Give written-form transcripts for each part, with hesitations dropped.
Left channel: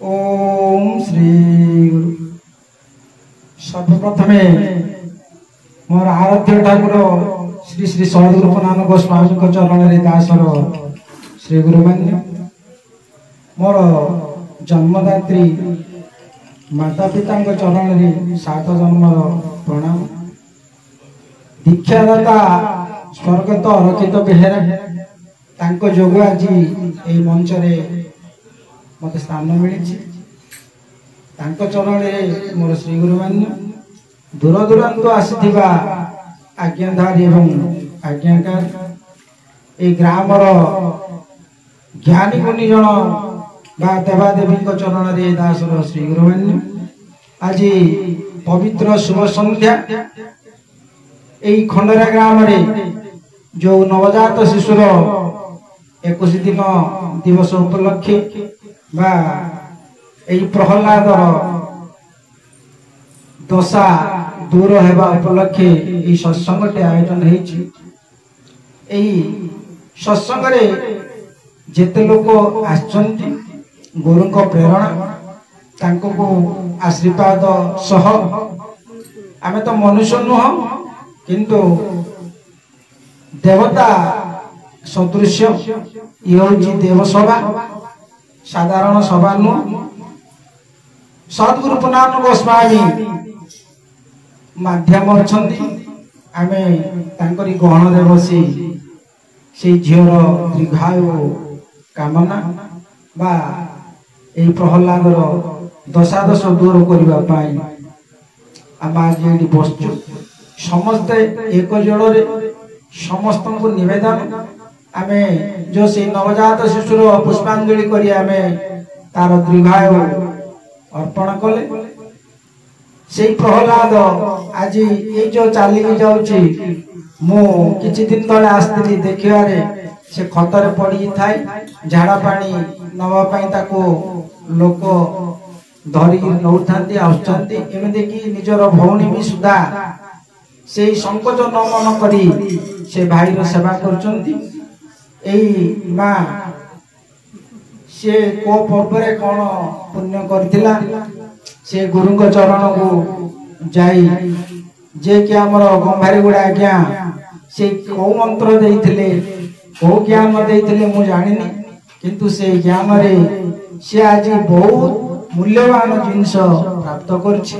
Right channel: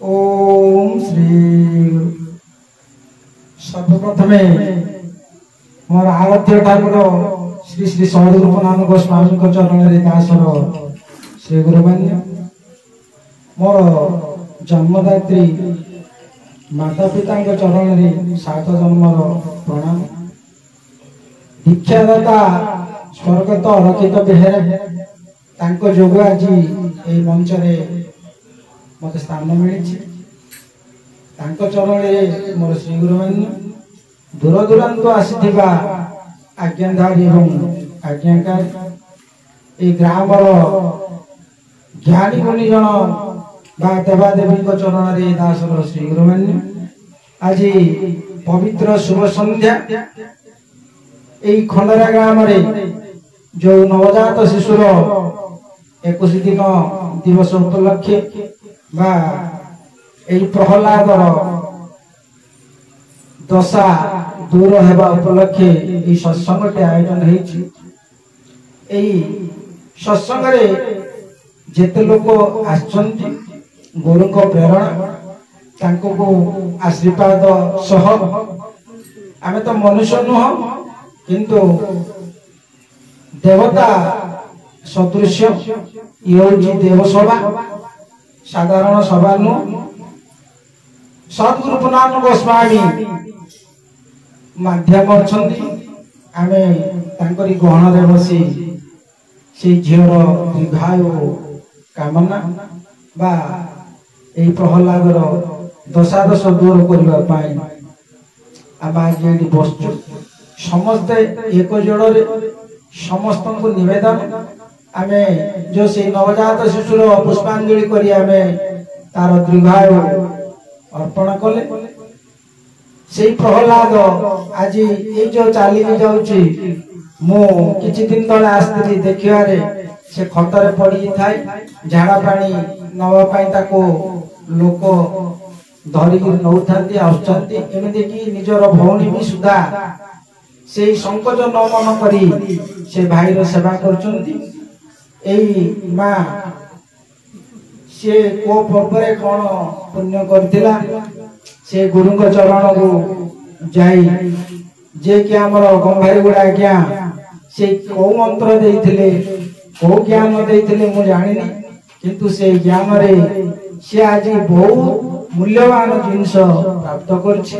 ओम श्री सर्वप्रथमे मोर आराध्य ठाकुर श्री श्री सदगुरुनाथ गोस्वामी चरण दासर श्री गुरुमान्य मोर जन्मदात्री माता पिता चरण सात जन्मर प्रणाम। दीक्षादाता स्वर्गत रचित बेहेरा जोग आज ये मंच मत स्थान मिली चरण मोर श्री गुरुमान्य दूर दूरांत आसीथिबा आज्ञाधारी एवं आज्ञाकार ए ग्रामर ज्ञानी गुणी जन बा देवादेवी चरण दासर श्री गुरुमान्य आज पवित्र शुभ संध्या खंडरा ग्राम जो नवजात शिशुर 21 दिन दिवस उपलक्षे बा प्रहलादर दशा दूर होगा उपलक्षे सत्संग आयोजन सत्संग जेते लोक आसचंती गुरु को प्रेरणा को आशीर्वाद सह आमे तो मनुष्य नुह किंतु देवता सदृश ये देवसभा साधारण सभा नुह सदगुरुनाथ गोस्वामी माध्यम अच्छी आमे तांकरी गहन बसी से झीर दीर्घायु कामना बा ए प्रहलादर दशादश दूर करने आम आज ये बसचु समस्ते एक जोड़े समस्त को निवेदन आमे जो से नवजात शिशुर पुष्पांजलि करी आमे तार दीर्घायु अर्पण कले से प्रहलाद आज ये जो चली जाऊँगी मु किछि दिन तले आसती देखिबारे से खतरे पड़ी थाए झाड़ा पानी नवापाई ताको लोक धरिकी नौथांती आसुचंती एमिति कि निजर भौणी भी सुधा से संकोच न मन करी से भाईर सेवा करचंती एई मां से को पर्वरे कौन पुण्य करथिला से गुरु चरण को जाई जे कि हमर गंभारी गुड़ा आज्ञा से को मंत्र देइथिले को ज्ञान देइथिले मु जानिनी किंतु से ज्ञान रे से आज बहुत मूल्यवान जिनस प्राप्त करछि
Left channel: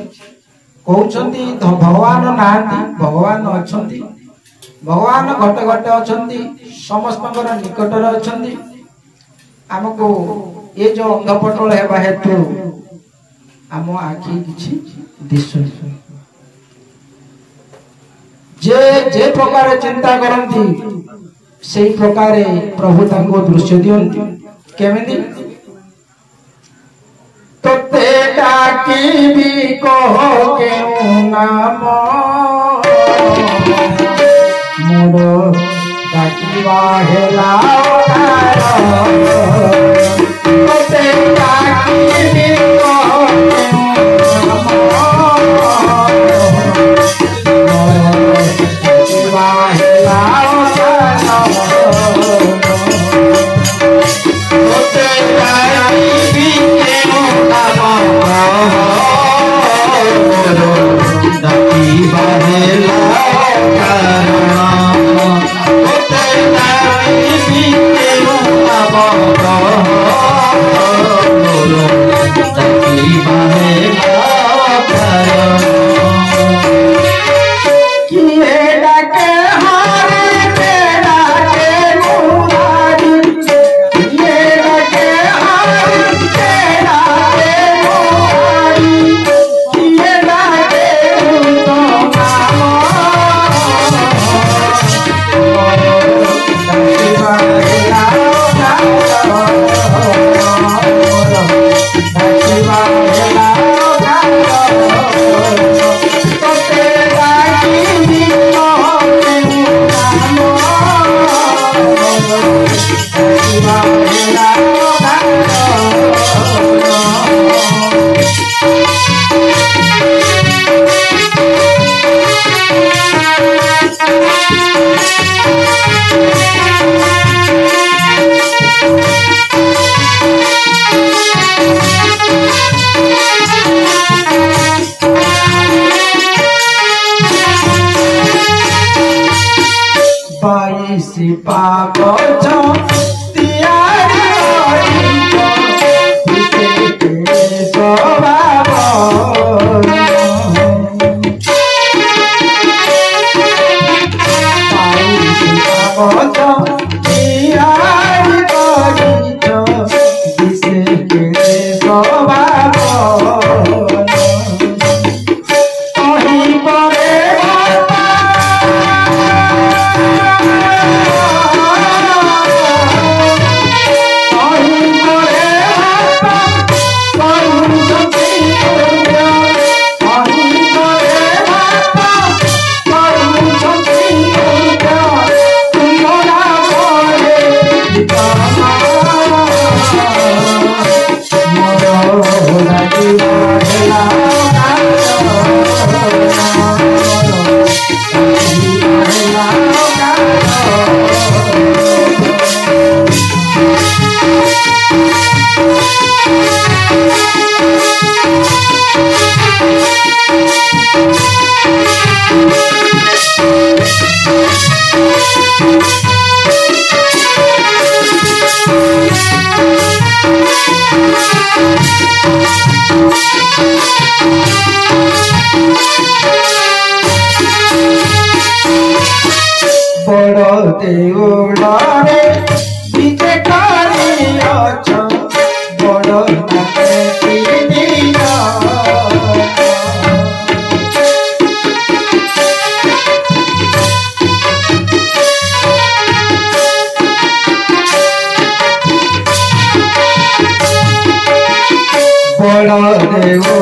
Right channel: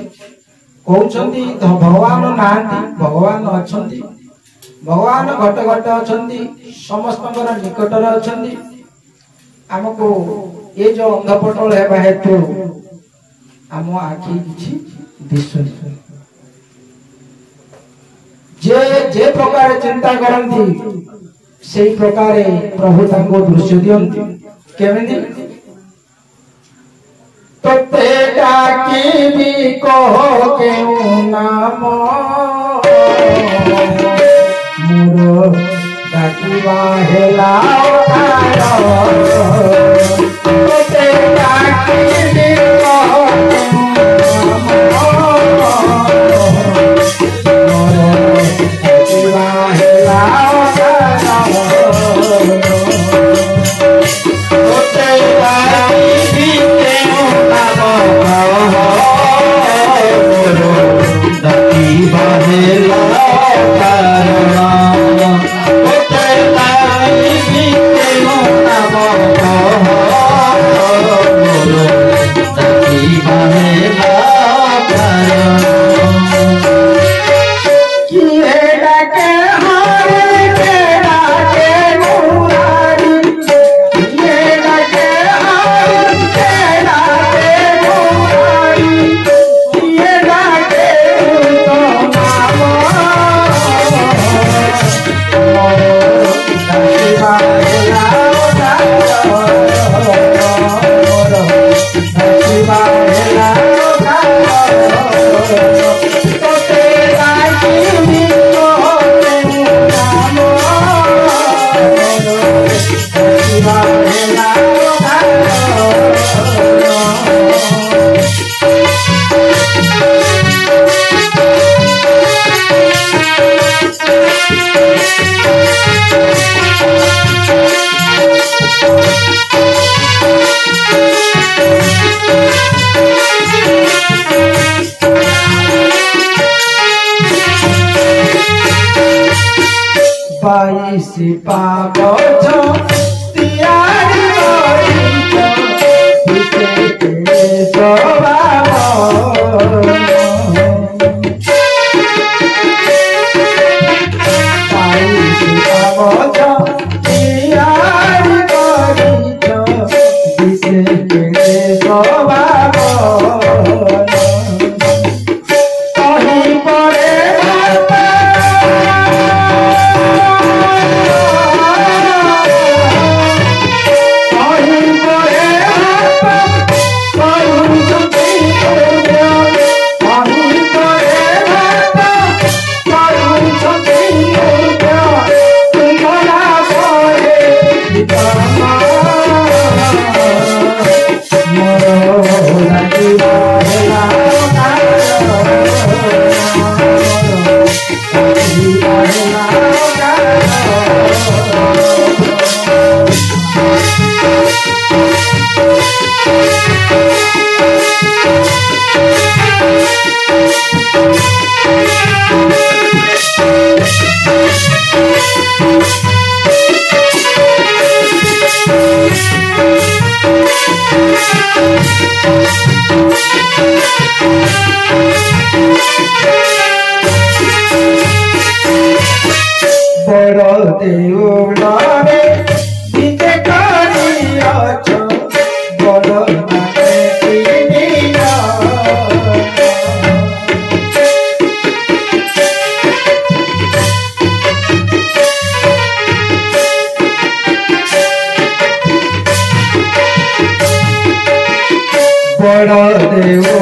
कहउछंती भगवान नांती भगवान अछंती भगवान घट घट अछंती समस्तकर निकटर अछंती हमको ये जो अंधपटल हेबा हेतु आम आखि किछि दिसुनी जे प्रकार चिंता करती से प्रकार प्रभु तांको दृश्य दियंती केमिति तते डाकी भी कहो के नाम मोर डाकिवा हेला तते डाकी भी कहो Oh बड़ देउलरे विजे करी अछ बड़ नामे तिनिया बड़ देउलरे